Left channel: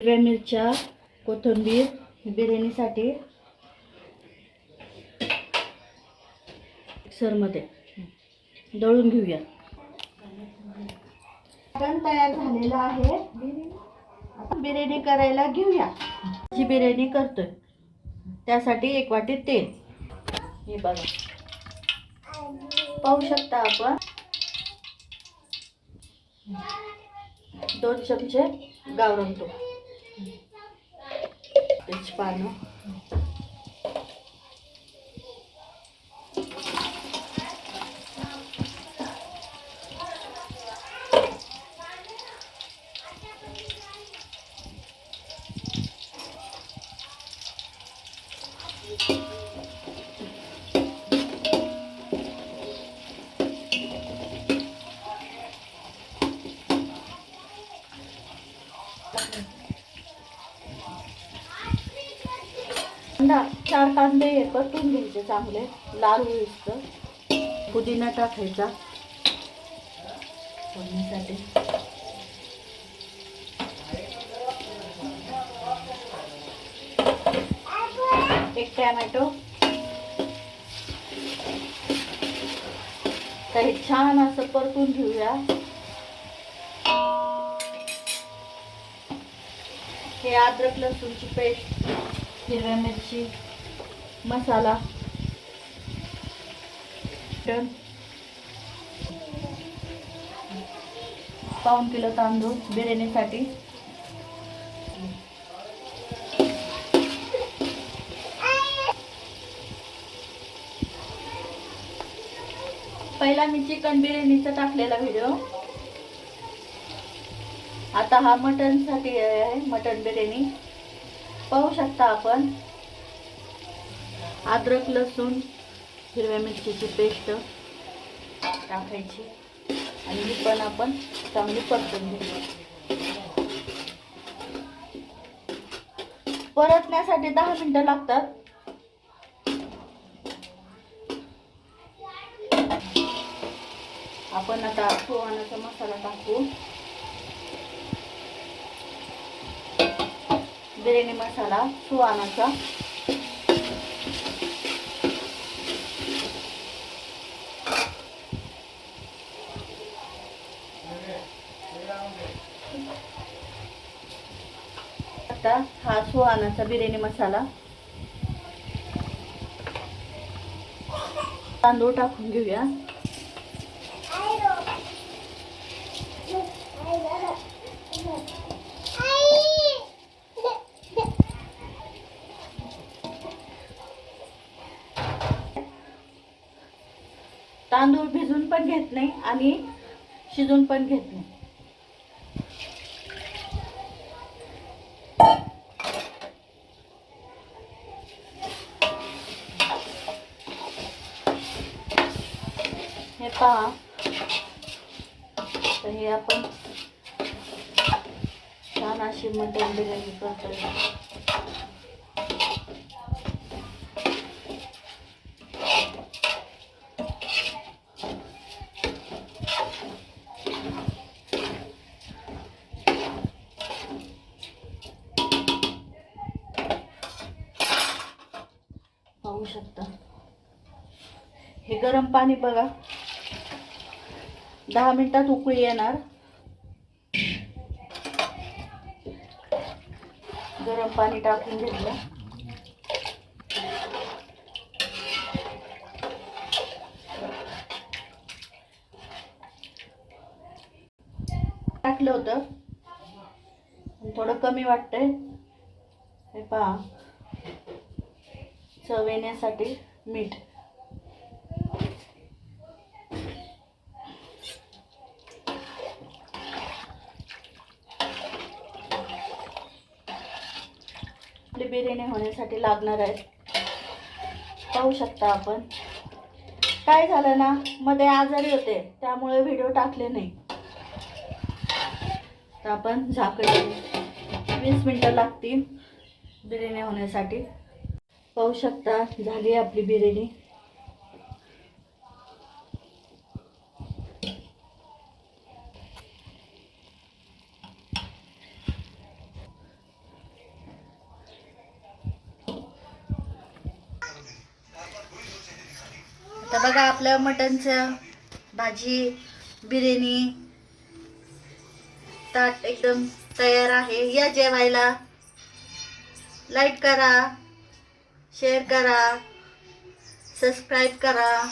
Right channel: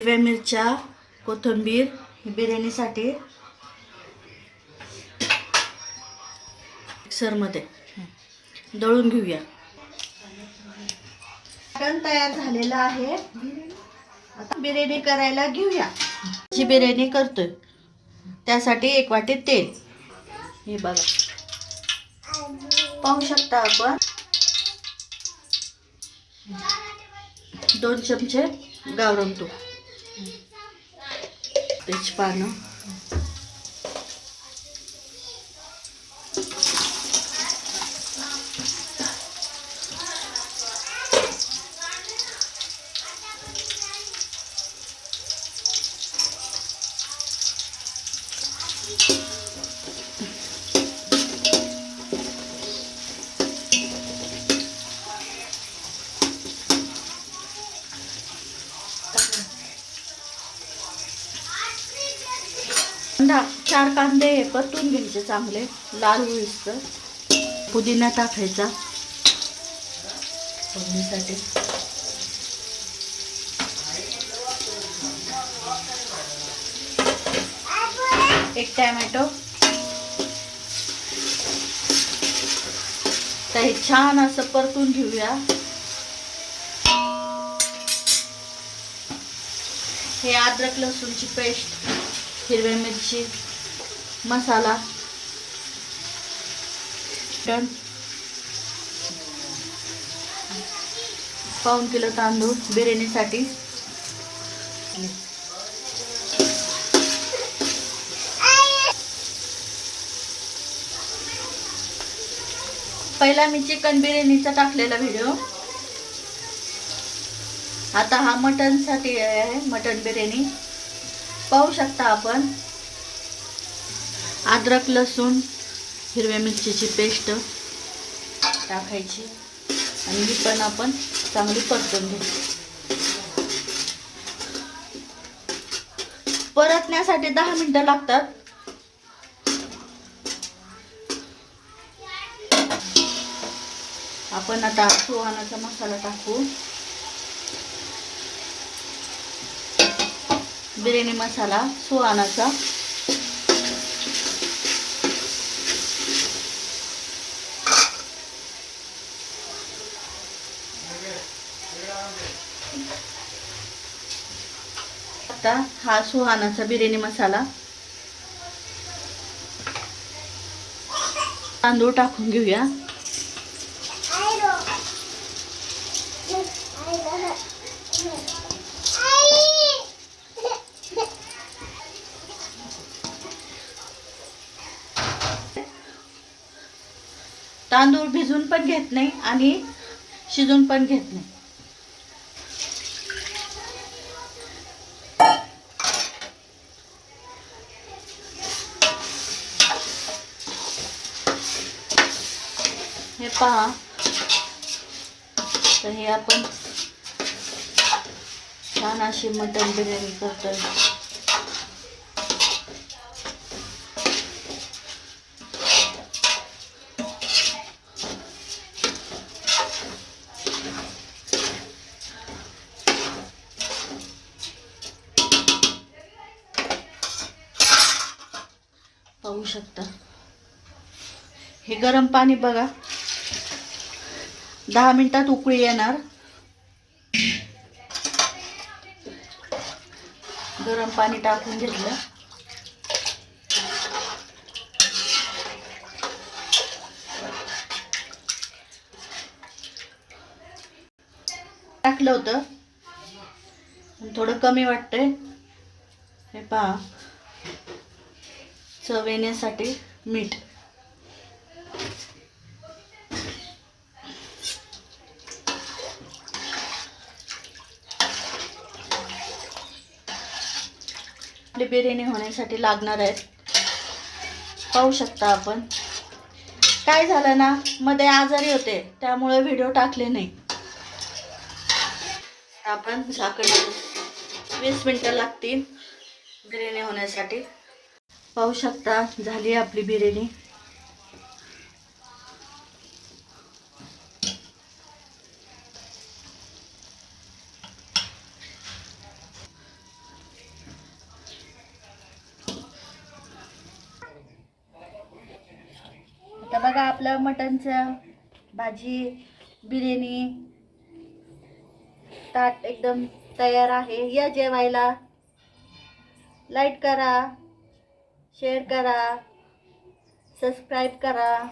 हिरव्या मिरच्या, कोथिंबीर बिर्याणीसाठी मिक्सरमध्ये दळून घेऊया. मटण तयार झालेलं आहे. आता बिर्याणी करायला घेऊया. जी बिर्याणी करतोय त्यासाठी 1 वाटी तेल. हे बघा, पाहू शकता आपण. 2 चमचे गावरान तूप, तेजपानं, कांदा, 4 कांदे परतून घ्यायचे चांगले लाल होईस्तोवर. पुदिना टाकायचा फोडणीसाठी. एक टोमॅटो. तर हे छान असं परतून घेऊया. हे अद्रक लसूणची पेस्ट, हिरव्या मिरची, मसाला, पाऊण किलो तांदूळ बिर्याणीसाठी. पहिला मी चिकन बिर्याणीचा टाकलेला व्हिडिओ. आता हा मटन साठी आहे, मटन बिर्याणी. पाहू शकता आपण. अद्रक लसूण हिरव्या मिरचीची पेस्ट टाकायची आणि ही पण आपण चांगली परतून घेऊ. परतण्यासाठी 10 मिनिटं लागतात. आपण आता सुहानाचा मसाला टाकू. बिर्याणी मसाला सुहानाचा. आता हा सुहानाचा बिर्याणी मसाला. तांदूळ टाकून घेऊया. तांदूळ भिजून पण घेत नाही आणि शिजून पण घेत नाही. हे पहा. तर हे आपण छान अशी मटण बिर्याणी करतोय. पाहू शकता. हे गरम पाणी बघा, 10 मिनिटात उकळी येणार. गरम पाणी टाकून घेतलं. टाकलं होतं, थोडं कमी वाटतंय. हे पहा, चव येण्यासाठी मीठ. आपली बिर्याणी होण्यासाठी लागणार आहेत. पाहू शकता आपण. काय झालं ना, मध्ये आजारी होते त्यामुळे व्हिडिओ टाकले नाही. तर आपण झाकण 20 मिनिटं लागतील बिर्याणी होण्यासाठी. पाहू शकता, झाली आपली बिर्याणी. तर बघा आपलं मटणचं भाजी बिर्याणी ताट एकदम तयार आहे. या जेवायला. लाईक करा, शेअर करा, सबस्क्राईब करा.